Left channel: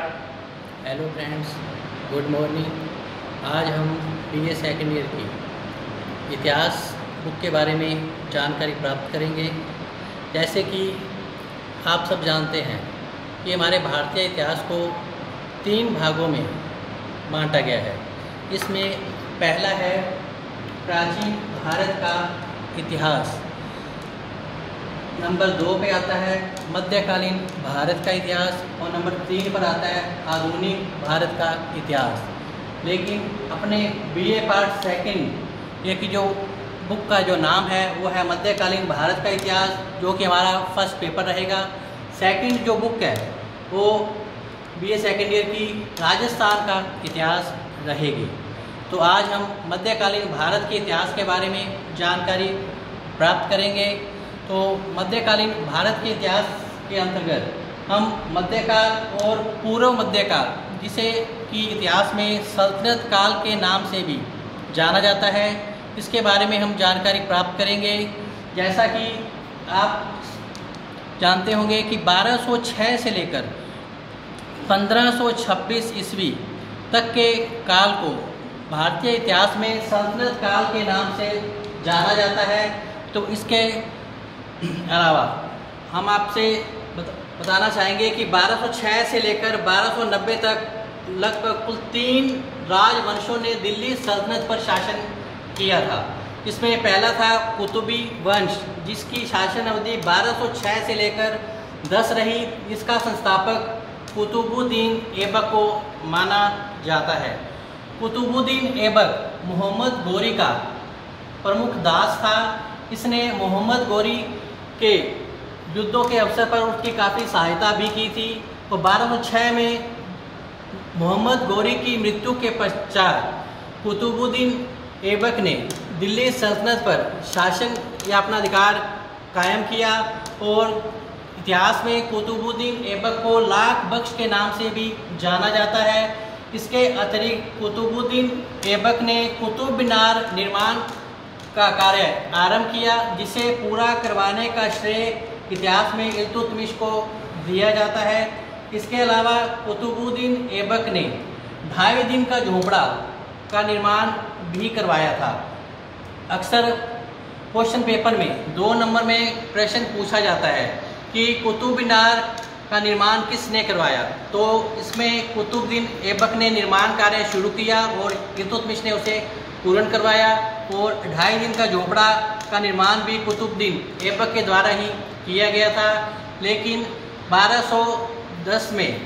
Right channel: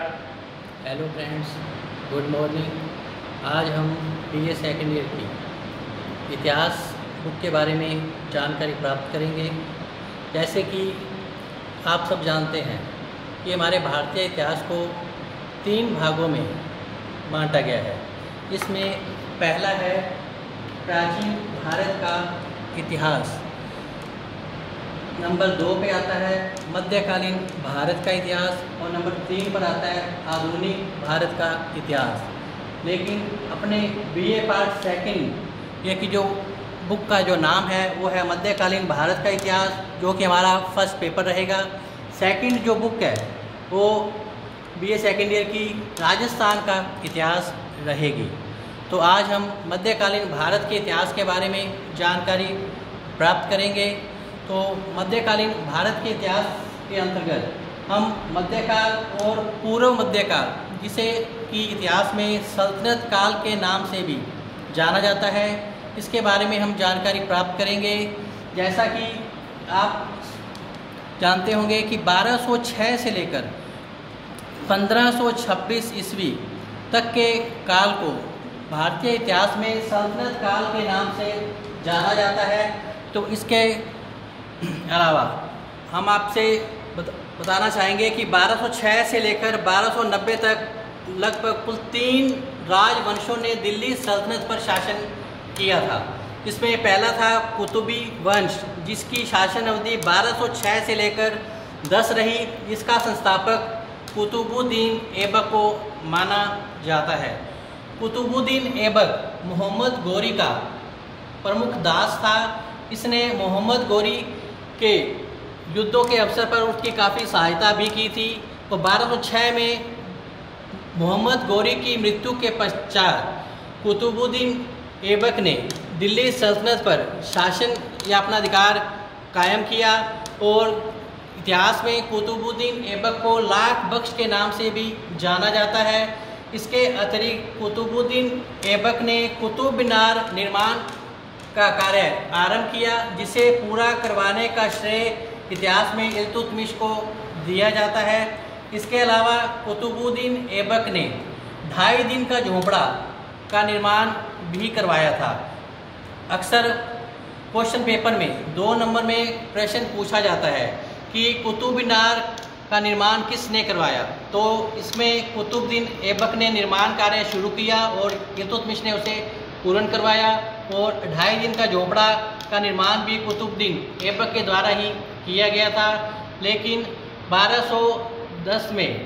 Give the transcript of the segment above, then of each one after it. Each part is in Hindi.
Hello friends, good morning. आज हम बीए सेकेंड ईयर की इतिहास बुक के बारे में जानकारी प्राप्त करेंगे। जैसे कि आप सब जानते हैं कि हमारे भारतीय इतिहास को 3 भागों में बांटा गया है। इसमें पहला है प्राचीन भारत का इतिहास, नंबर 2 पे आता है मध्यकालीन भारत का इतिहास और नंबर 3 पर आता है आधुनिक भारत का इतिहास। लेकिन अपने बीए पार्ट सेकंड ये की जो बुक का जो नाम है वो है मध्यकालीन भारत का इतिहास, जो कि हमारा फर्स्ट पेपर रहेगा। सेकंड जो बुक है वो बीए सेकेंड ईयर की राजस्थान का इतिहास रहेगी। तो आज हम मध्यकालीन भारत के इतिहास के बारे में जानकारी प्राप्त करेंगे। तो मध्यकालीन भारत के इतिहास के अंतर्गत हम मध्यकाल और पूर्व मध्यकाल, जिसे कि इतिहास में सल्तनत काल के नाम से भी जाना जाता है, इसके बारे में हम जानकारी प्राप्त करेंगे। जैसा कि आप जानते होंगे कि 1206 से लेकर 1526 ईस्वी तक के काल को भारतीय इतिहास में सल्तनत काल के नाम से जाना जाता है। तो इसके अलावा हम आपसे बताना चाहेंगे कि 1206 से लेकर 1290 तक लगभग कुल 3 राजवंशों ने दिल्ली सल्तनत पर शासन किया था। इसमें पहला था कुतुबी वंश, जिसकी शासन अवधि 1206 से लेकर 10 रही। इसका संस्थापक कुतुबुद्दीन ऐबक को माना जाता है। कुतुबुद्दीन ऐबक मोहम्मद गोरी का प्रमुख दास था। इसने मोहम्मद गोरी के युद्धों के अवसर पर उसकी काफ़ी सहायता भी की थी। तो 1206 में मोहम्मद गोरी की मृत्यु के पश्चात कुतुबुद्दीन ऐबक ने दिल्ली सल्तनत पर शासन या अपना अधिकार कायम किया और इतिहास में कुतुबुद्दीन ऐबक को लाख बख्श के नाम से भी जाना जाता है। इसके अतिरिक्त कुतुबुद्दीन ऐबक ने कुतुब मीनार निर्माण का कार्य आरंभ किया, जिसे पूरा करवाने का श्रेय इतिहास में इल्तुतमिश को दिया जाता है। इसके अलावा कुतुबुद्दीन ऐबक ने 2.5 दिन का झोपड़ा का निर्माण भी करवाया था। अक्सर क्वेश्चन पेपर में 2 नंबर में प्रश्न पूछा जाता है कि कुतुब मीनार का निर्माण किसने करवाया। तो इसमें कुतुबुद्दीन ऐबक ने निर्माण कार्य शुरू किया और इल्तुतमिश ने उसे पूर्ण करवाया। और 2.5 दिन का झोपड़ा का निर्माण भी कुतुबुद्दीन ऐबक के द्वारा ही किया गया था। लेकिन 1210 में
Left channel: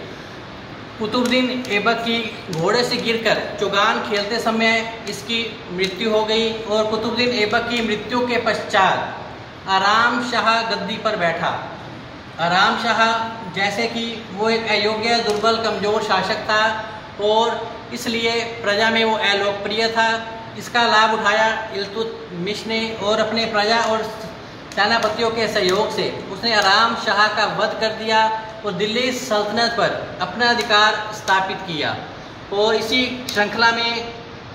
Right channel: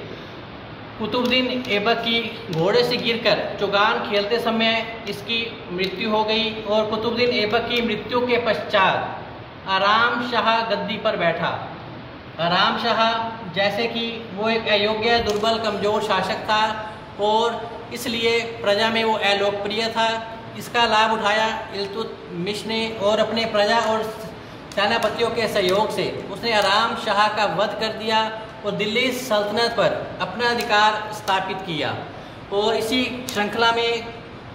कुतुबुद्दीन ऐबक की घोड़े से गिरकर चौगान खेलते समय इसकी मृत्यु हो गई और कुतुबुद्दीन ऐबक की मृत्यु के पश्चात आराम शाह गद्दी पर बैठा। आराम शाह जैसे कि वो एक अयोग्य, दुर्बल, कमजोर शासक था और इसलिए प्रजा में वो अलोकप्रिय था। इसका लाभ उठाया इल्तुतमिश ने और अपने प्रजा और सेनापतियों के सहयोग से उसने आराम शाह का वध कर दिया और दिल्ली सल्तनत पर अपना अधिकार स्थापित किया। और इसी श्रृंखला में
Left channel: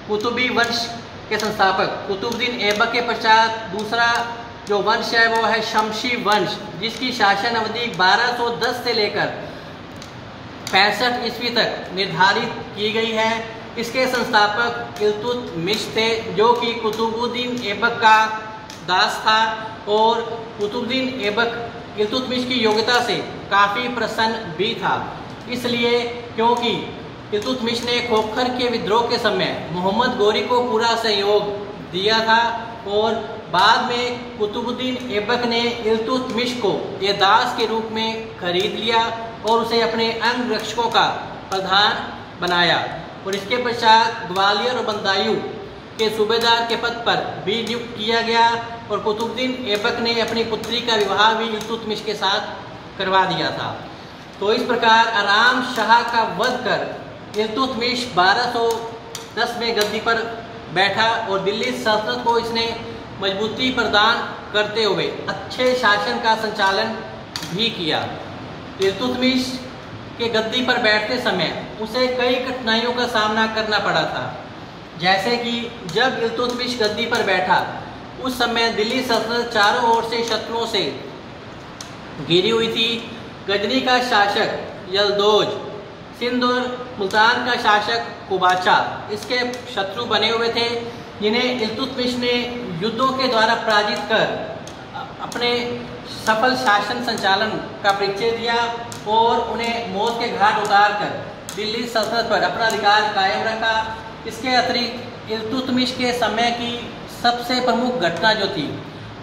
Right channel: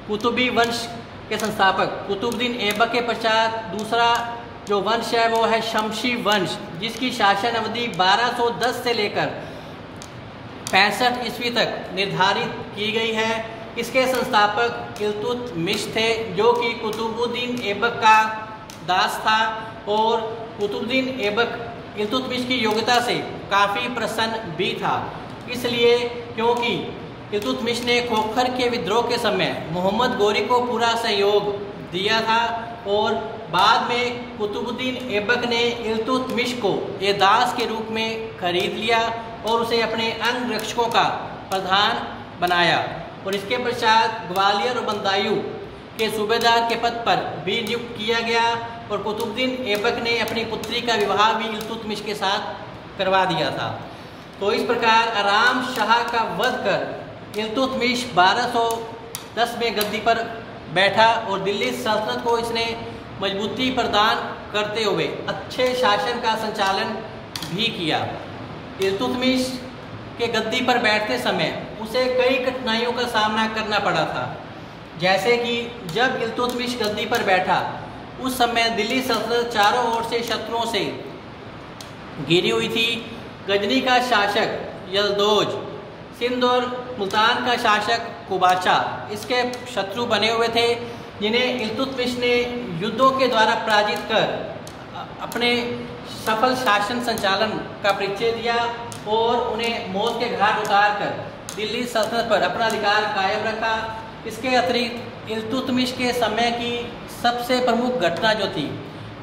कुतुबी वंश के संस्थापक कुतुबुद्दीन ऐबक के पश्चात दूसरा जो वंश है वो है शमशी वंश, जिसकी शासन अवधि 1210 से लेकर 65 ईस्वी तक निर्धारित की गई है। इसके संस्थापक इल्तुतमिश थे, जो कि कुतुबुद्दीन ऐबक का दास था और कुतुबुद्दीन ऐबक इल्तुतमिश की योग्यता से काफ़ी प्रसन्न भी था। इसलिए क्योंकि इल्तुतमिश ने खोखर के विद्रोह के समय मोहम्मद गोरी को पूरा सहयोग दिया था और बाद में कुतुबुद्दीन ऐबक ने इल्तुतमिश को ये दास के रूप में खरीद लिया और उसे अपने अंग रक्षकों का प्रधान बनाया। और इसके पश्चात ग्वालियर और बदायूं के सूबेदार के पद पर भी नियुक्त किया गया और कुतुबुद्दीन ऐबक ने अपनी पुत्री का विवाह भी इल्तुतमिश के साथ करवा दिया था। तो इस प्रकार आराम शाह का वध कर इल्तुतमिश 1210 में गद्दी पर बैठा और दिल्ली सल्तनत को इसने मजबूती प्रदान करते हुए अच्छे शासन का संचालन भी किया। इल्तुतमिश के गद्दी पर बैठते समय उसे कई कठिनाइयों का सामना करना पड़ा था। जैसे कि जब इल्तुतमिश गद्दी पर बैठा उस समय दिल्ली सल्तनत चारों ओर से शत्रुओं से घिरी हुई थी। गजनी का शासक यलदौज सिंध और मुल्तान का शासक कुबाचा इसके शत्रु बने हुए थे, जिन्हें इल्तुतमिश ने युद्धों के द्वारा पराजित कर अपने सफल शासन संचालन का परिचय दिया और उन्हें मौत के घाट उतार कर दिल्ली सल्तनत पर अपना अधिकार कायम रखा। इसके अतिरिक्त इल्तुतमिश के समय की सबसे प्रमुख घटना जो थी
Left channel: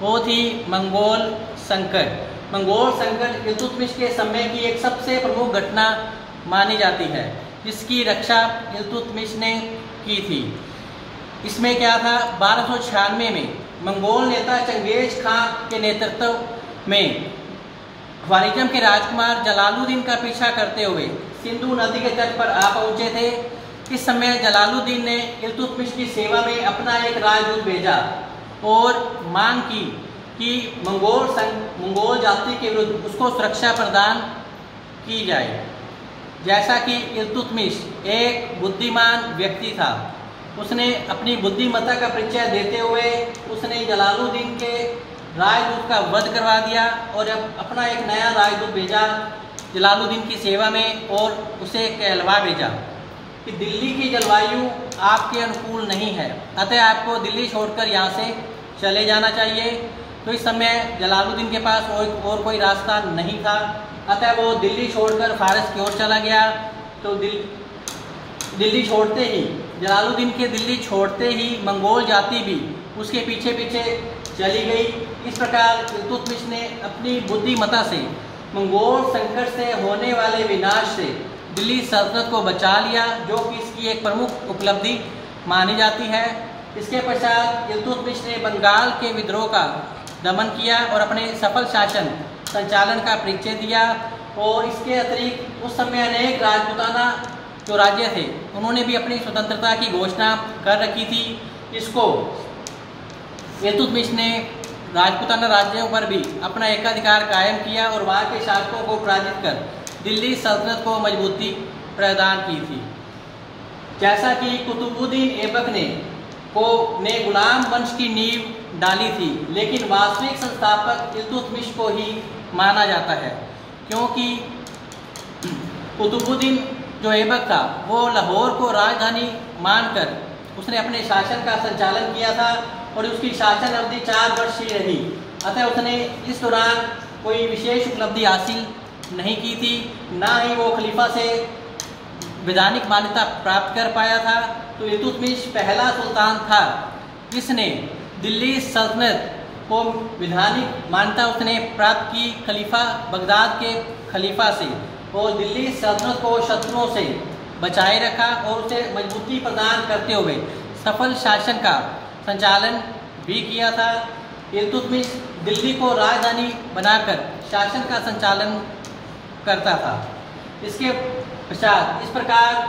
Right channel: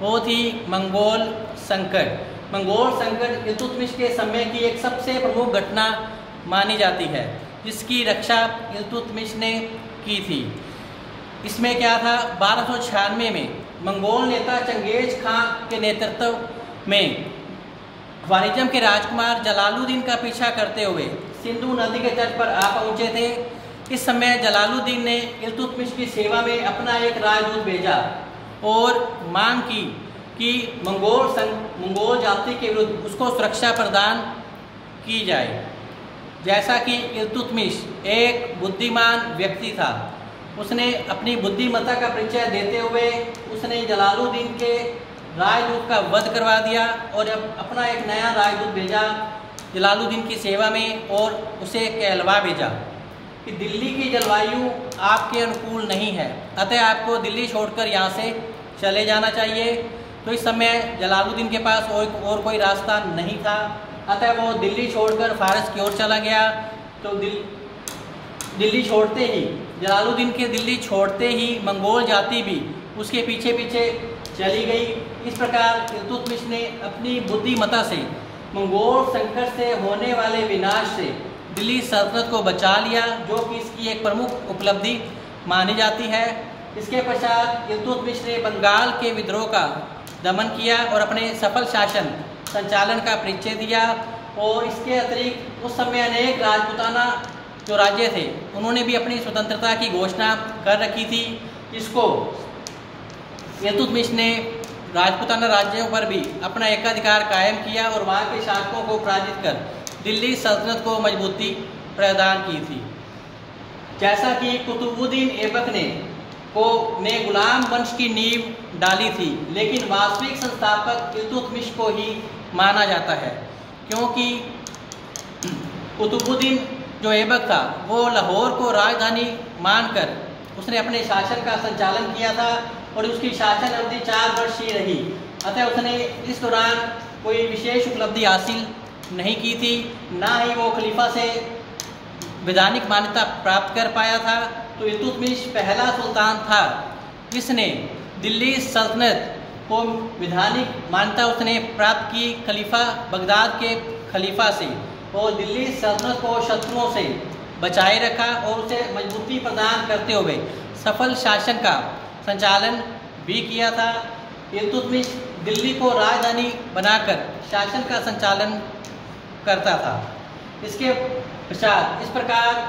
वो थी मंगोल संकट। मंगोल संकट इल्तुतमिश के समय की एक सबसे प्रमुख घटना मानी जाती है, जिसकी रक्षा इल्तुतमिश ने की थी। इसमें क्या था, 1296 में मंगोल नेता चंगेज खां के नेतृत्व में ख्वारिज़म के राजकुमार जलालुद्दीन का पीछा करते हुए सिंधु नदी के तट पर आ पहुंचे थे। इस समय जलालुद्दीन ने इल्तुतमिश की सेवा में अपना एक राजदूत भेजा और मांग की कि मंगोल जाति के विरुद्ध उसको सुरक्षा प्रदान की जाए। जैसा कि इल्तुतमिश एक बुद्धिमान व्यक्ति था, उसने अपनी बुद्धिमत्ता का परिचय देते हुए उसने जलालुद्दीन के राजदूत का वध करवा दिया और अब अपना एक नया राजदूत भेजा जलालुद्दीन की सेवा में और उसे कहलवा भेजा कि दिल्ली की जलवायु आपके अनुकूल नहीं है, अतः आपको दिल्ली छोड़कर यहाँ से चले जाना चाहिए। तो इस समय जलालुद्दीन के पास और कोई रास्ता नहीं था, अतः वो दिल्ली छोड़कर फारस की ओर चला गया। तो दिल्ली छोड़ते ही जलालुद्दीन के दिल्ली छोड़ते ही मंगोल जाति भी उसके पीछे पीछे चली गई। इस प्रकार इल्तुतमिश ने अपनी बुद्धिमत्ता से मंगोल संकट से होने वाले विनाश से दिल्ली सल्तनत को बचा लिया, जो कि इसकी एक प्रमुख उपलब्धि मानी जाती है। इसके पश्चात इल्तुतमिश ने बंगाल के विद्रोह का दमन किया और अपने सफल शासन संचालन का परिचय दिया। और इसके अतिरिक्त उस समय अनेक राजपूताना जो राज्य थे उन्होंने भी अपनी स्वतंत्रता की घोषणा कर रखी थी। इसको इल्तुतमिश ने राजपूताना राज्यों पर भी अपना एकाधिकार कायम किया और वहाँ के शासकों को पराजित कर दिल्ली सल्तनत को मजबूती प्रदान की थी। जैसा कि कुतुबुद्दीन ऐबक ने गुलाम वंश की नींव डाली थी, लेकिन वास्तविक संस्थापक इल्तुतमिश को ही माना जाता है, क्योंकि कुतुबुद्दीन जो ऐबक था वो लाहौर को राजधानी मानकर उसने अपने शासन का संचालन किया था और उसकी शासन अवधि 4 वर्ष ही रही। अतः उसने इस दौरान कोई विशेष उपलब्धि हासिल नहीं की थी, ना ही वो खलीफा से वैधानिक मान्यता प्राप्त कर पाया था। तो इल्तुतमिश पहला सुल्तान था जिसने दिल्ली सल्तनत को वैधानिक मान्यता उसने प्राप्त की खलीफा बगदाद के खलीफा से, और दिल्ली सल्तनत को शत्रुओं से बचाए रखा और उसे मजबूती प्रदान करते हुए सफल शासन का संचालन भी किया था। इल्तुतमिश दिल्ली को राजधानी बनाकर शासन का संचालन करता था। इसके पश्चात इस प्रकार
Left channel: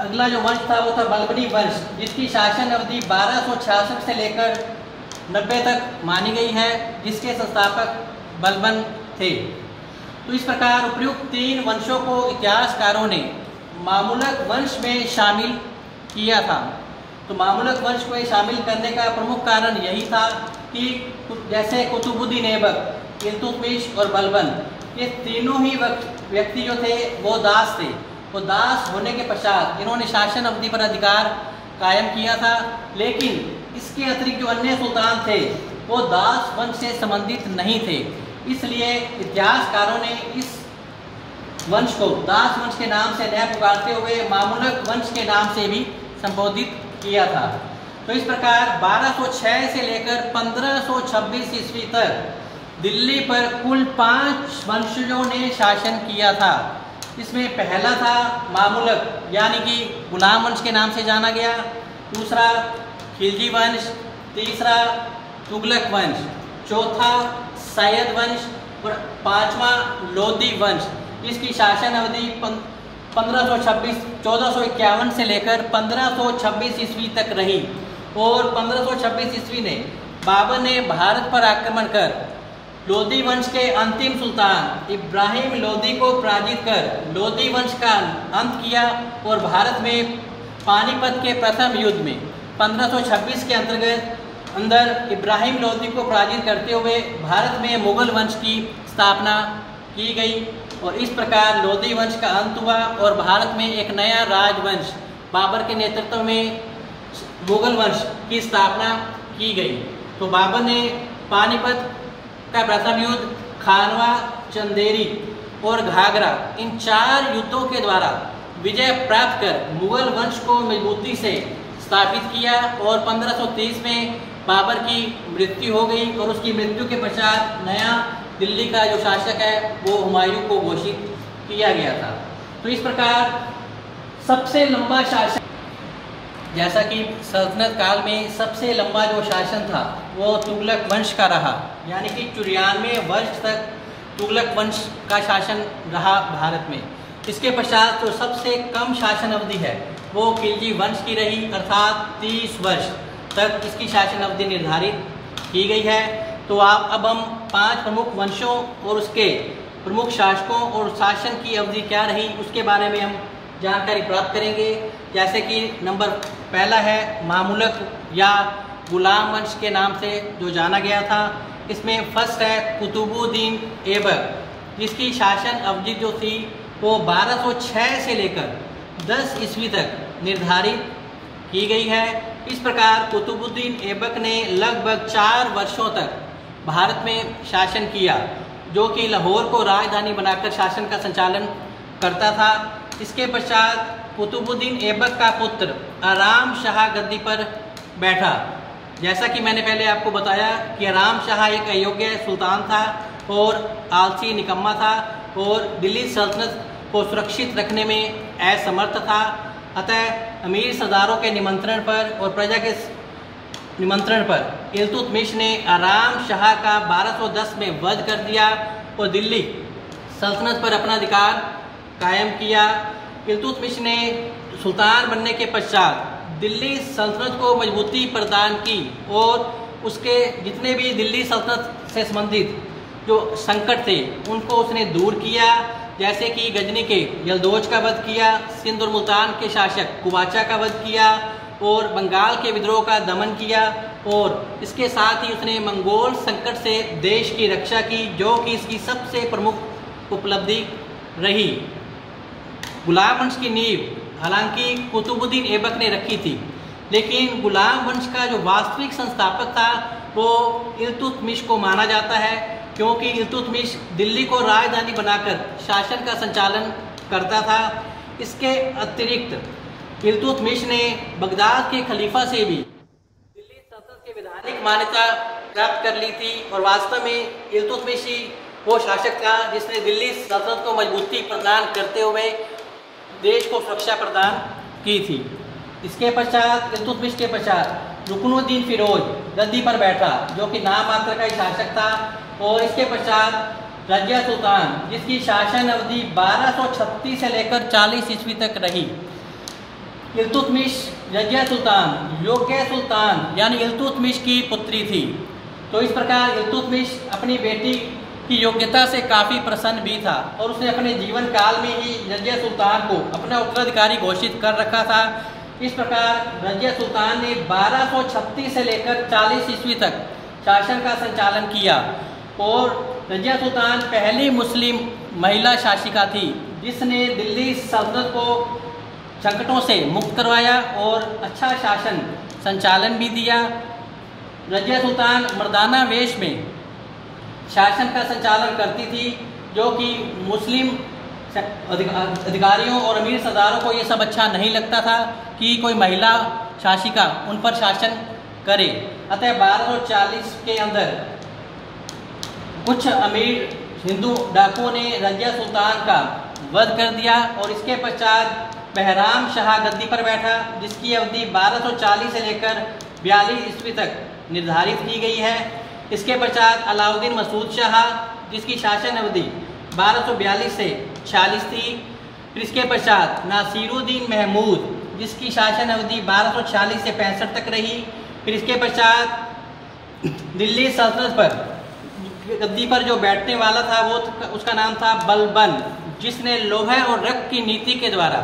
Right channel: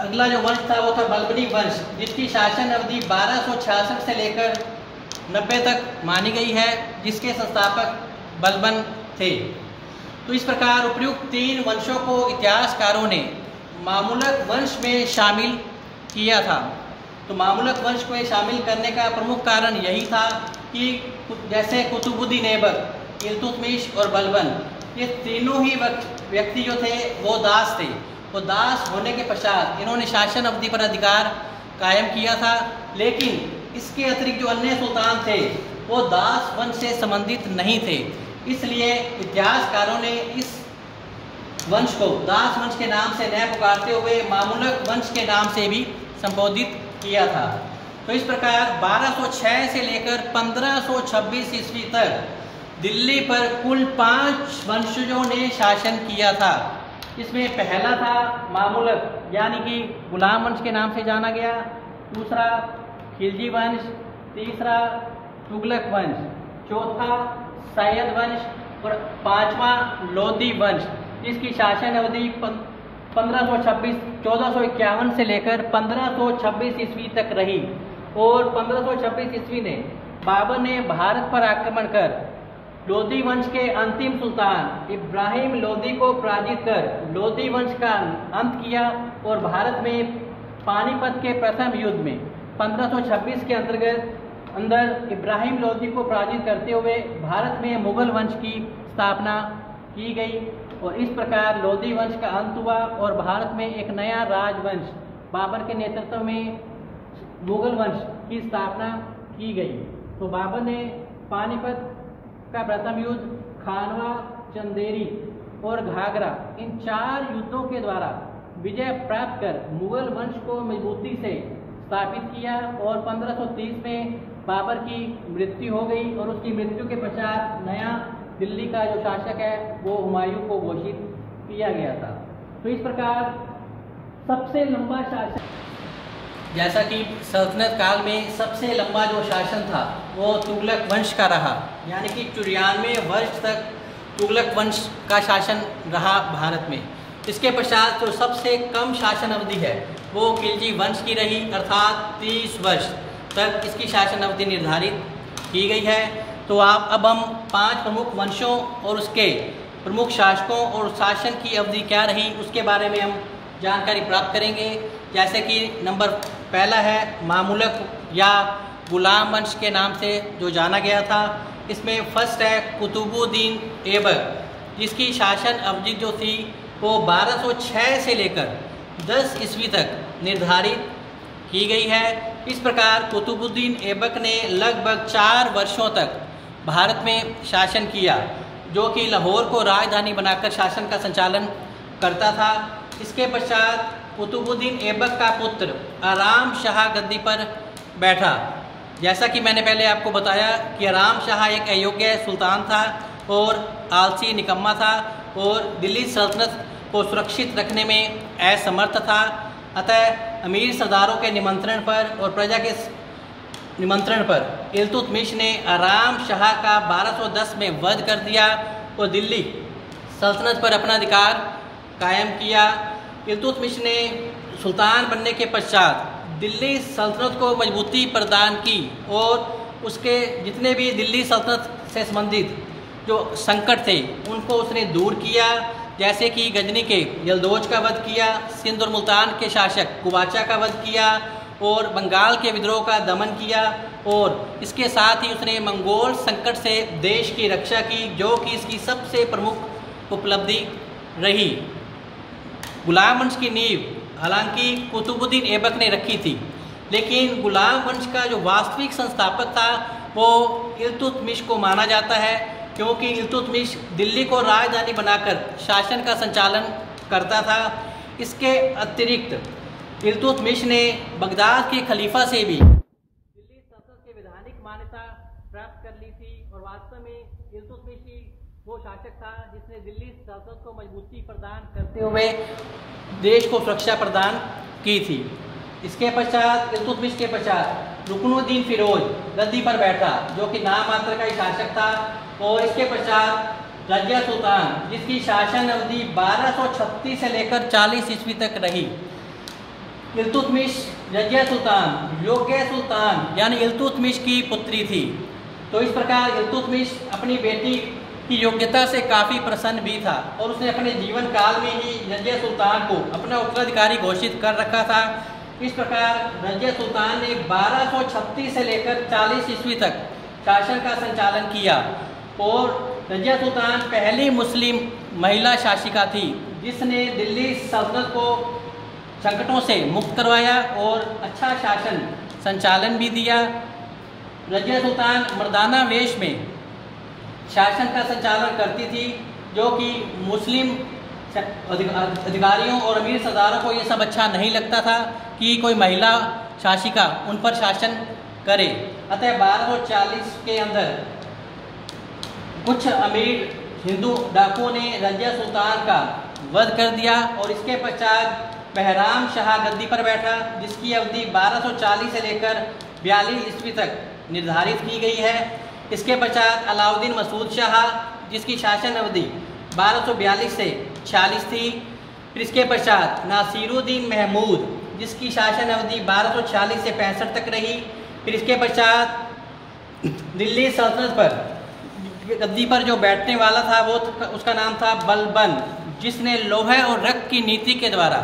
अगला जो वंश था वो था बलबनी वंश, जिसकी शासन अवधि 1266 से लेकर 90 तक मानी गई है, जिसके संस्थापक बलबन थे। तो इस प्रकार उपयुक्त 3 वंशों को इतिहासकारों ने मामूलक वंश में शामिल किया था। तो मामूलक वंश को शामिल करने का प्रमुख कारण यही था कि जैसे कुतुबुद्दीन ऐबक, इल्तुतमिश और बलबन, ये तीनों ही व्यक्ति जो थे वो दास थे। वो दास होने के पश्चात इन्होंने शासन अवधि पर अधिकार कायम किया था, लेकिन इसके अतिरिक्त जो अन्य सुल्तान थे वो दास वंश से संबंधित नहीं थे। इसलिए इतिहासकारों ने इस वंश को दास वंश के नाम से न पुकारते हुए मामूलक वंश के नाम से भी संबोधित किया था। तो इस प्रकार 1206 से लेकर 1526 ईस्वी तक दिल्ली पर कुल 5 वंशजों ने शासन किया था। इसमें पहला था मामूलक, यानी कि गुलाम वंश के नाम से जाना गया। दूसरा खिलजी वंश, तीसरा तुगलक वंश, चौथा सैयद वंश और 5वां लोधी वंश। इसकी शासन अवधि 1451 से लेकर 1526 ईस्वी तक रही। और 1526 ईस्वी ने बाबर ने भारत पर आक्रमण कर लोधी वंश के अंतिम सुल्तान इब्राहिम लोधी को पराजित कर लोधी वंश का अंत किया और भारत में पानीपत के प्रथम युद्ध में 1526 के अंदर इब्राहिम लोधी को पराजित करते हुए भारत में मुगल वंश की स्थापना की गई। और इस प्रकार लोधी वंश का अंत हुआ और भारत में एक नया राजवंश बाबर के नेतृत्व में मुगल वंश की स्थापना की गई। तो बाबर ने पानीपत का प्रथम युद्ध, खानवा, चंदेरी और घाघरा, इन 4 युद्धों के द्वारा विजय प्राप्त कर मुगल वंश को मजबूती से स्थापित किया और 1530 में बाबर की मृत्यु हो गई और उसकी मृत्यु के पश्चात नया दिल्ली का जो शासक है वो हुमायूं को घोषित किया गया था। तो इस प्रकार सबसे लंबा शासन, जैसा कि सल्तनत काल में सबसे लंबा जो शासन था वो तुगलक वंश का रहा, यानी कि 94 वर्ष तक तुगलक वंश का शासन रहा भारत में। इसके पश्चात जो सबसे कम शासन अवधि है वो खिलजी वंश की रही, अर्थात 30 वर्ष तक इसकी शासन अवधि निर्धारित की गई है। तो अब हम 5 प्रमुख वंशों और उसके प्रमुख शासकों और शासन की अवधि क्या रही उसके बारे में हम जानकारी प्राप्त करेंगे। जैसे कि नंबर पहला है मामलुक या गुलाम वंश के नाम से जो जाना गया था। इसमें फर्स्ट है कुतुबुद्दीन ऐबक, जिसकी शासन अवधि जो थी वो 1206 से लेकर 10 ईस्वी तक निर्धारित की गई है। इस प्रकार कुतुबुद्दीन ऐबक ने लगभग 4 वर्षों तक भारत में शासन किया, जो कि लाहौर को राजधानी बनाकर शासन का संचालन करता था। इसके पश्चात कुतुबुद्दीन ऐबक का पुत्र आराम शाह गद्दी पर बैठा। जैसा कि मैंने पहले आपको बताया कि आराम शाह एक अयोग्य सुल्तान था और आलसी निकम्मा था और दिल्ली सल्तनत को सुरक्षित रखने में असमर्थ था। अतः अमीर सरदारों के निमंत्रण पर और प्रजा के निमंत्रण पर इल्तुतमिश ने आराम शाह का 1210 में वध कर दिया और दिल्ली सल्तनत पर अपना अधिकार कायम किया। इल्तुतमिश ने सुल्तान बनने के पश्चात दिल्ली सल्तनत को मजबूती प्रदान की और उसके जितने भी दिल्ली सल्तनत से संबंधित जो संकट थे उनको उसने दूर किया। जैसे कि गजनी के यलदौज का वध किया, सिंध और मुल्तान के शासक कुवाचा का वध किया और बंगाल के विद्रोह का दमन किया और इसके साथ ही उसने मंगोल संकट से देश की रक्षा की, जो कि इसकी सबसे प्रमुख उपलब्धि रही। गुलाम वंश की नींव हालांकि कुतुबुद्दीन ऐबक ने रखी थी, लेकिन गुलाम वंश का जो वास्तविक संस्थापक था वो इल्तुतमिश को माना जाता है, क्योंकि इल्तुतमिश दिल्ली को राजधानी बनाकर शासन का संचालन करता था। इसके अतिरिक्त इल्तुतमिश ने बगदाद के खलीफा से भी दिल्ली सल्तनत की वैधानिक मान्यता प्राप्त कर ली थी और वास्तव में इल्तुतमिश ही वो शासक था जिसने दिल्ली सल्तनत को मजबूती प्रदान करते हुए देश को सुरक्षा प्रदान की थी। इसके पश्चात इल्तुतमिश के पश्चात रुकनुद्दीन फिरोज गद्दी पर बैठा, जो कि नाम मात्र का ही शासक था। और इसके पश्चात रजिया सुल्तान, जिसकी शासन अवधि 1236 से लेकर 40 ईस्वी तक रही। इल्तुतमिश रजिया सुल्तान योग्य सुल्तान यानी इल्तुतमिश की पुत्री थी। तो इस प्रकार इल्तुतमिश अपनी बेटी की योग्यता से काफ़ी प्रसन्न भी था और उसने अपने जीवन काल में ही रजिया सुल्तान को अपना उत्तराधिकारी घोषित कर रखा था। इस प्रकार रजिया सुल्तान ने 1236 से लेकर 40 ईस्वी तक शासन का संचालन किया और रजिया सुल्तान पहली मुस्लिम महिला शासिका थी जिसने दिल्ली सल्तनत को संकटों से मुक्त करवाया और अच्छा शासन संचालन भी दिया। रजिया सुल्तान मर्दाना वेश में शासन का संचालन करती थी, जो कि मुस्लिम अधिकारियों और अमीर सरदारों को ये सब अच्छा नहीं लगता था कि कोई महिला शासिका उन पर शासन करे। अतः 1240 के अंदर कुछ अमीर हिंदू डाकुओं ने रजिया सुल्तान का वध कर दिया और इसके पश्चात बहराम शाह गद्दी पर बैठा, जिसकी अवधि 1240 से लेकर 42 ईस्वी तक निर्धारित की गई है। इसके पश्चात अलाउद्दीन मसूद शाह, जिसकी शासन अवधि 1242 से 46 थी। फिर इसके पश्चात नासिरुद्दीन महमूद, जिसकी शासन अवधि 1246 से 65 तक रही। फिर इसके पश्चात दिल्ली सल्तनत पर गद्दी पर जो बैठने वाला था वो उसका नाम था बलबन, जिसने लोहे और रक्त की नीति के द्वारा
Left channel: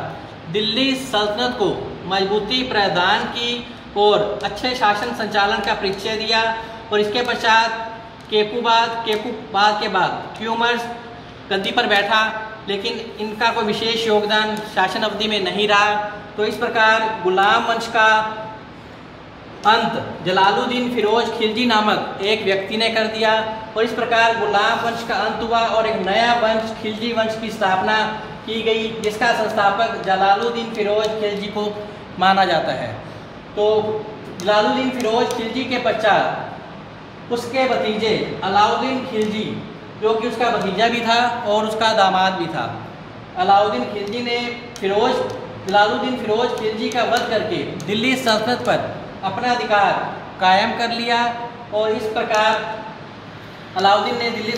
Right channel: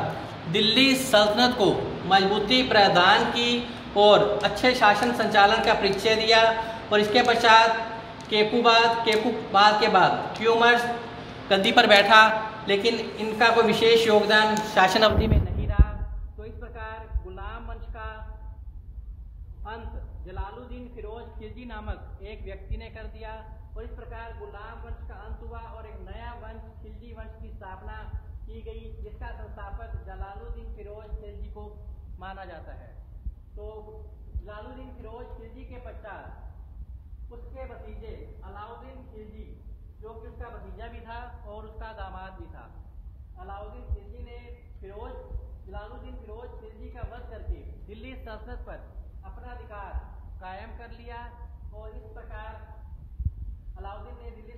दिल्ली सल्तनत को मजबूती प्रदान की और अच्छे शासन संचालन का परिचय दिया। और इसके पश्चात केकूबाद के बाद ट्यूमर्स गद्दी पर बैठा लेकिन इनका कोई विशेष योगदान शासन अवधि में नहीं रहा। तो इस प्रकार गुलाम वंश का अंत जलालुद्दीन फिरोज खिलजी नामक एक व्यक्ति ने कर दिया और इस प्रकार गुलाम वंश का अंत हुआ और एक नया वंश खिलजी वंश की स्थापना की गई, जिसका संस्थापक जलालुद्दीन फिरोज खिलजी को माना जाता है। तो जलालुद्दीन फिरोज खिलजी के पश्चात उसके भतीजे अलाउद्दीन खिलजी, जो कि उसका भतीजा भी था और उसका दामाद भी था, अलाउद्दीन खिलजी ने जलालुद्दीन फिरोज खिलजी का वध करके दिल्ली सल्तनत पर अपना अधिकार कायम कर लिया और इस प्रकार अलाउद्दीन ने दिल्ली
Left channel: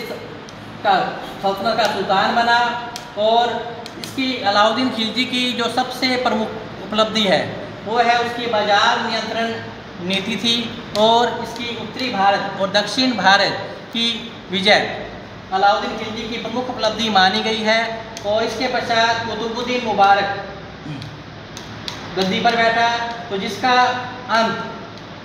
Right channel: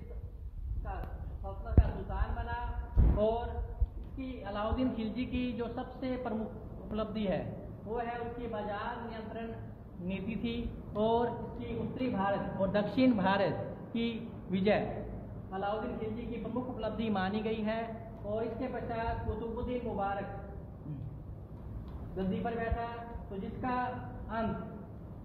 का सल्तनत का सुल्तान बना। और इसकी अलाउद्दीन खिलजी की जो सबसे प्रमुख उपलब्धि है वो है उसकी बाजार नियंत्रण नीति थी और इसकी उत्तरी भारत और दक्षिण भारत की विजय अलाउद्दीन खिलजी की प्रमुख उपलब्धि मानी गई है। और इसके पश्चात कुतुबुद्दीन मुबारक गद्दी पर बैठा, तो जिसका अंत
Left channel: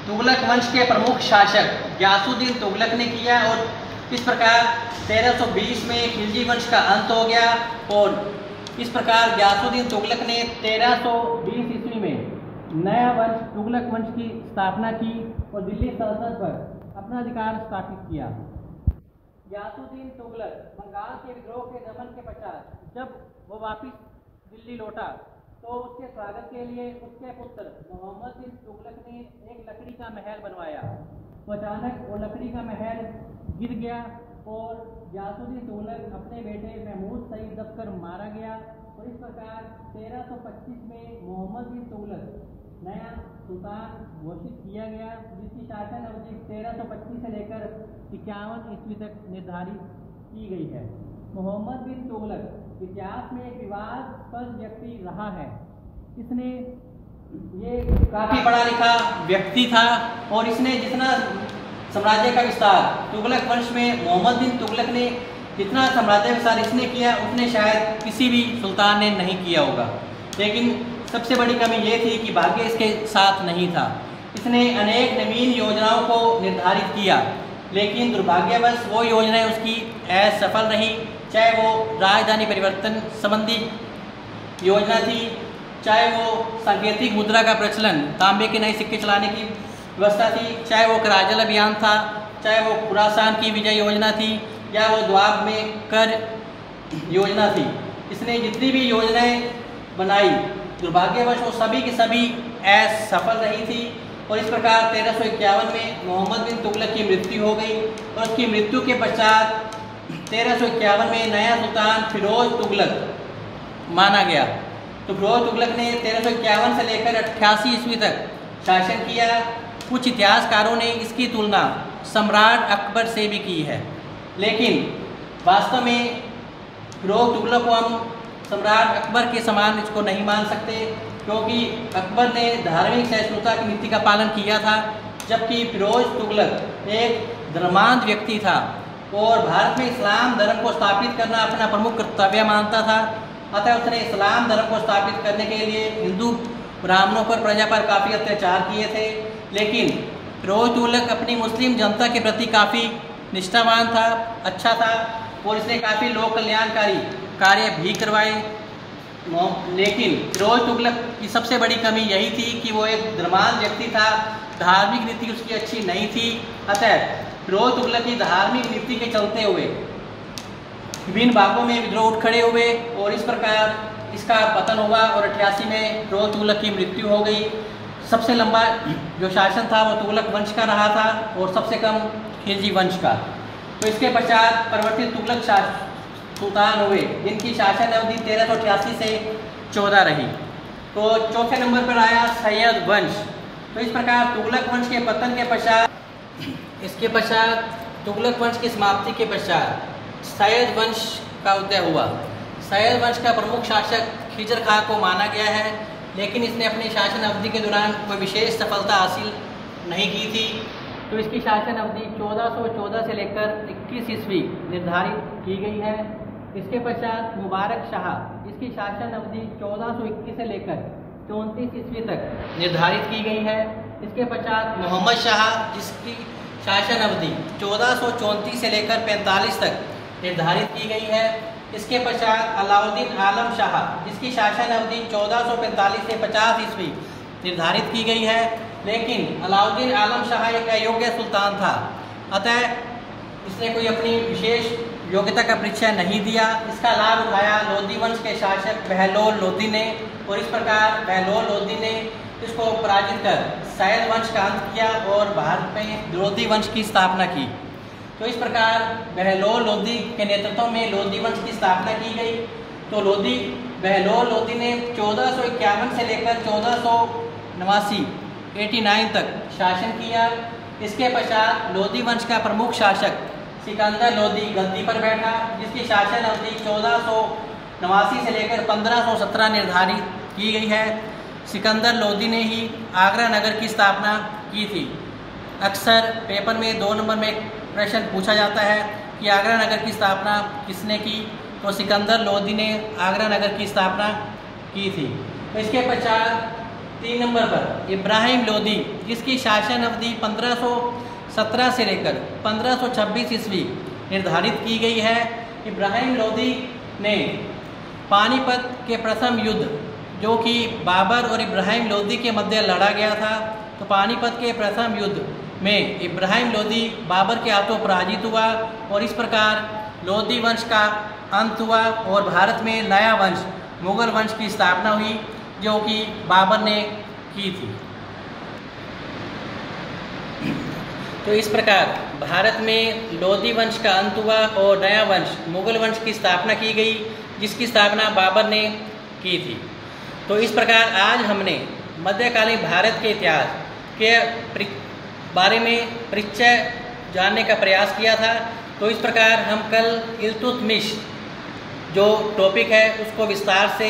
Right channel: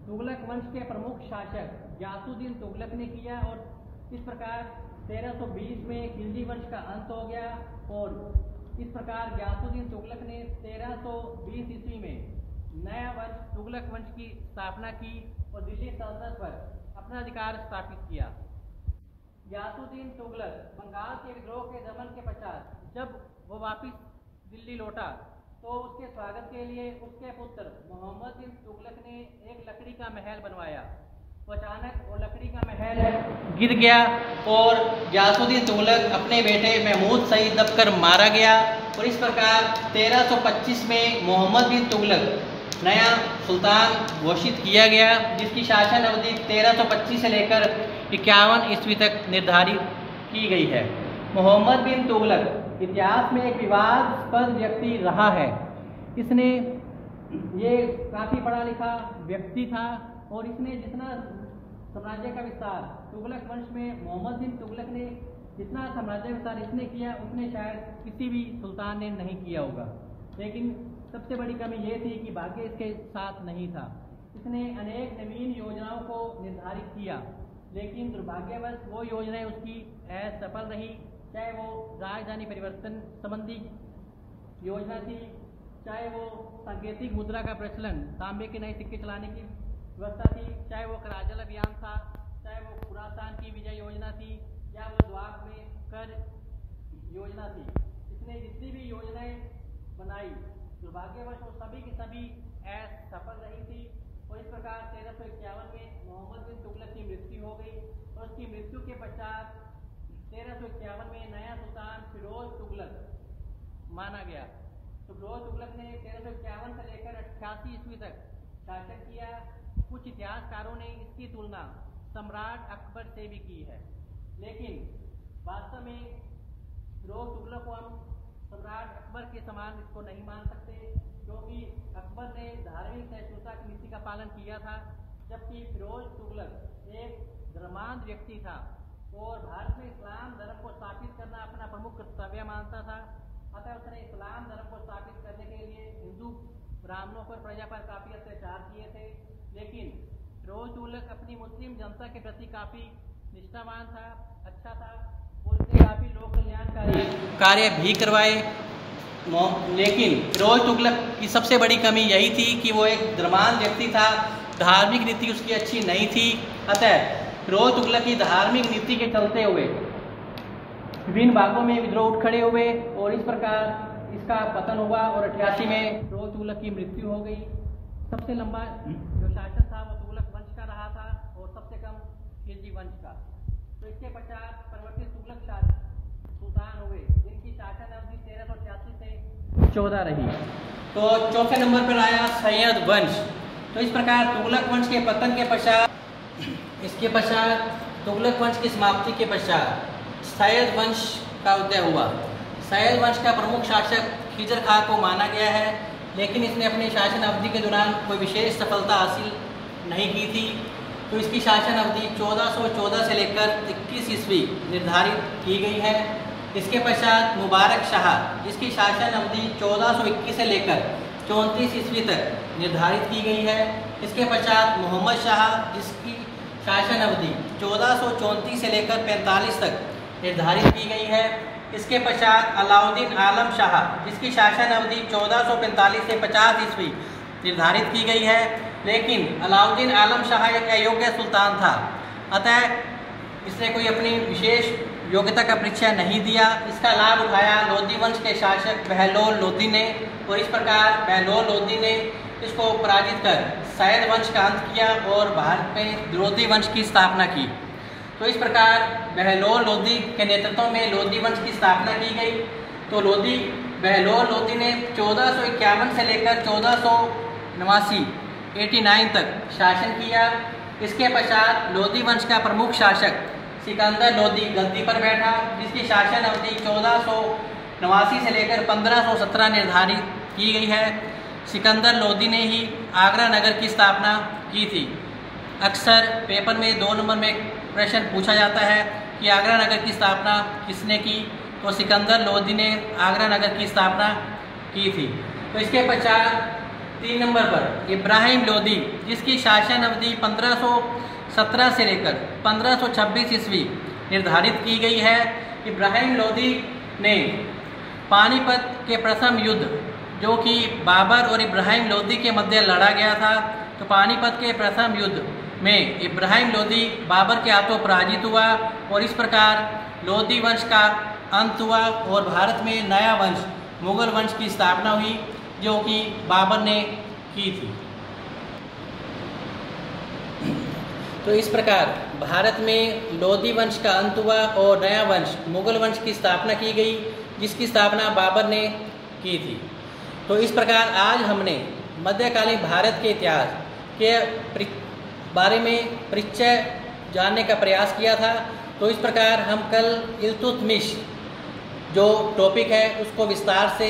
तुगलक वंश के प्रमुख शासक गियासुद्दीन तुगलक ने किया और इस प्रकार 1320 में खिलजी वंश का अंत हो गया। और इस प्रकार गियासुद्दीन तुगलक ने 1320 ईस्वी में नया वंश तुगलक वंश की स्थापना की और दिल्ली सल्तनत पर अपना अधिकार स्थापित किया। गियासुद्दीन तुगलक बंगाल के विद्रोह के दमन के पश्चात जब वो वापिस दिल्ली लौटा तो उसके स्वागत के लिए उसके पुत्र मोहम्मद बिन तुगलक ने एक लकड़ी का महल बनवाया। तो अचानक वो लकड़ी का महल गिर गया और गियासुद्दीन तुगलक अपने बेटे महमूद सईद दबकर मारा गया और इस प्रकार 1325 में मोहम्मद बिन तुगलक नया सुल्तान घोषित किया गया, जिसकी शासन अवधि 1325 से लेकर 51 ईस्वी तक निर्धारित की गई है। मोहम्मद बिन तुगलक इतिहास में एक विवादास्पद व्यक्ति रहा है। इसने ये काफ़ी पढ़ा लिखा व्यक्ति था और इसने जितना साम्राज्य का विस्तार तुगलक वंश में मोहम्मद बिन तुगलक ने जितना साम्राज्य विस्तार इसने किया उतने शायद किसी भी सुल्तान ने नहीं किया होगा। लेकिन सबसे बड़ी कमी ये थी कि भाग्य इसके साथ नहीं था। इसने अनेक नवीन योजनाओं को निर्धारित किया, लेकिन दुर्भाग्यवश वो योजनाएं उसकी असफल रही, चाहे वो राजधानी परिवर्तन संबंधी योजना थी, चाहे वो सांकेतिक मुद्रा का प्रचलन, तांबे के नए सिक्के चलाने की व्यवस्था थी, चाहे वो कराजल अभियान था, चाहे वो खुरासान की विजय योजना थी या वो द्वाब में कर योजना थी। इसने जितनी भी योजनाएं बनाई दुर्भाग्यवश वो सभी की सभी असफल रही थी और इस प्रकार 1351 में मोहम्मद बिन तुगलक की मृत्यु हो गई और उसकी मृत्यु के पश्चात 1351 में नया सुल्तान फिरोज तुगलक माना गया। तो फिरोज तुगलक ने 1351 से लेकर 88 ईस्वी तक शासन किया। कुछ इतिहासकारों ने इसकी तुलना सम्राट अकबर से भी की है, लेकिन वास्तव में फिरोज तुगलक को हम सम्राट अकबर के समान इसको नहीं मान सकते, क्योंकि अकबर ने धार्मिक सहिष्णुता की नीति का पालन किया था, जबकि फिरोज तुगलक एक धर्मांध व्यक्ति था और भारत में इस्लाम धर्म को स्थापित करना अपना प्रमुख कर्तव्य मानता था। अतः उसने इस्लाम धर्म को स्थापित करने के लिए हिंदू ब्राह्मणों पर प्रजा पर काफ़ी अत्याचार किए थे, लेकिन फिरोज तुगलक अपनी मुस्लिम जनता के प्रति काफ़ी निष्ठावान था, अच्छा था और इसने काफ़ी लोक कल्याणकारी कार्य भी करवाए। लेकिन फिरोज तुगलक की सबसे बड़ी कमी यही थी कि वो एक धर्मांध व्यक्ति था, धार्मिक नीति उसकी अच्छी नहीं थी। अतः फिरोज तुगलक की धार्मिक नीति के चलते हुए विभिन्न भागों में विद्रोह उठ खड़े हुए और इस प्रकार इसका पतन हुआ और 88 में फिरोज तुगलक की मृत्यु हो गई। सबसे लंबा जो शासन था वो तुगलक वंश का रहा था और सबसे कम खिलजी वंश का। तो इसके पश्चात परिवर्तित तुगलक सुल्तान हुए, जिनकी शासन अवधि 1388 से 14 रही। तो चौथे नंबर पर आया सैयद वंश। तो इस प्रकार तुगलक वंश के पतन के पश्चात तुगलक वंश की समाप्ति के पश्चात सैयद वंश का उदय हुआ। सैयद वंश का प्रमुख शासक खिजर खां को माना गया है, लेकिन इसने अपने शासन अवधि के दौरान कोई विशेष सफलता हासिल नहीं की थी। तो इसकी शासन अवधि 1414 से लेकर 21 ईस्वी निर्धारित की गई है। इसके पश्चात मुबारक शाह, जिसकी शासन अवधि 1421 से लेकर 34 ईस्वी तक निर्धारित की गई है। इसके पश्चात मोहम्मद शाह, जिसकी शासन अवधि 1434 से लेकर 45 तक निर्धारित की गई है। इसके पश्चात अलाउद्दीन आलम शाह, जिसकी शासन अवधि 1445 से 50 ईस्वी निर्धारित की गई है, लेकिन अलाउद्दीन आलम शाह एक अयोग्य सुल्तान था, अतः इसने कोई अपनी विशेष योग्यता का परिचय नहीं दिया। इसका लाभ उठाया लोधी वंश के शासक बहलोल लोधी ने, और इस प्रकार बहलोल लोधी ने इसको पराजित कर सैयद वंश का अंत किया और भारत में लोधी वंश की स्थापना की। तो इस प्रकार बहलोल लोधी के नेतृत्व में लोधी वंश की स्थापना की गई। तो बहलोल लोधी ने 1451 से लेकर 1489 तक शासन किया। इसके पश्चात लोधी वंश का प्रमुख शासक सिकंदर लोधी गद्दी पर बैठा, जिसकी शासन अवधि 1489 से लेकर 1517 निर्धारित की गई है। सिकंदर लोधी ने ही आगरा नगर की स्थापना की थी। अक्सर पेपर में 2 नंबर में प्रश्न पूछा जाता है कि आगरा नगर की स्थापना किसने की, तो सिकंदर लोधी ने आगरा नगर की स्थापना की थी। तो इसके पश्चात 3 नंबर पर इब्राहिम लोधी, जिसकी शासन अवधि 1517 से लेकर 1526 ईस्वी निर्धारित की गई है। इब्राहिम लोधी ने पानीपत के प्रथम युद्ध, जो कि बाबर और इब्राहिम लोधी के मध्य लड़ा गया था, तो पानीपत के प्रथम युद्ध में इब्राहिम लोधी बाबर के हाथों पराजित हुआ और इस प्रकार लोधी वंश का अंत हुआ और भारत में नया वंश मुगल वंश की स्थापना हुई, जो कि बाबर ने की थी। तो इस प्रकार भारत में लोधी वंश का अंत हुआ और नया वंश मुगल वंश की स्थापना की गई, जिसकी स्थापना बाबर ने की थी। तो इस प्रकार आज हमने मध्यकालीन भारत के इतिहास के बारे में परिचय जानने का प्रयास किया था। तो इस प्रकार हम कल इल्तुतमिश जो टॉपिक है उसको विस्तार से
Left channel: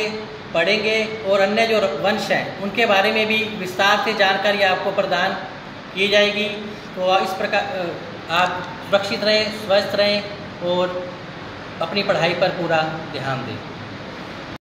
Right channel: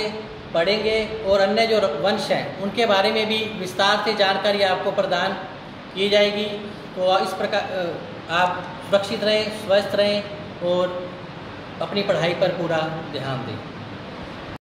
पढ़ेंगे और अन्य जो वंश हैं उनके बारे में भी विस्तार से जानकारी आपको प्रदान की जाएगी। तो इस प्रकार आप सुरक्षित रहें, स्वस्थ रहें और अपनी पढ़ाई पर पूरा ध्यान दें।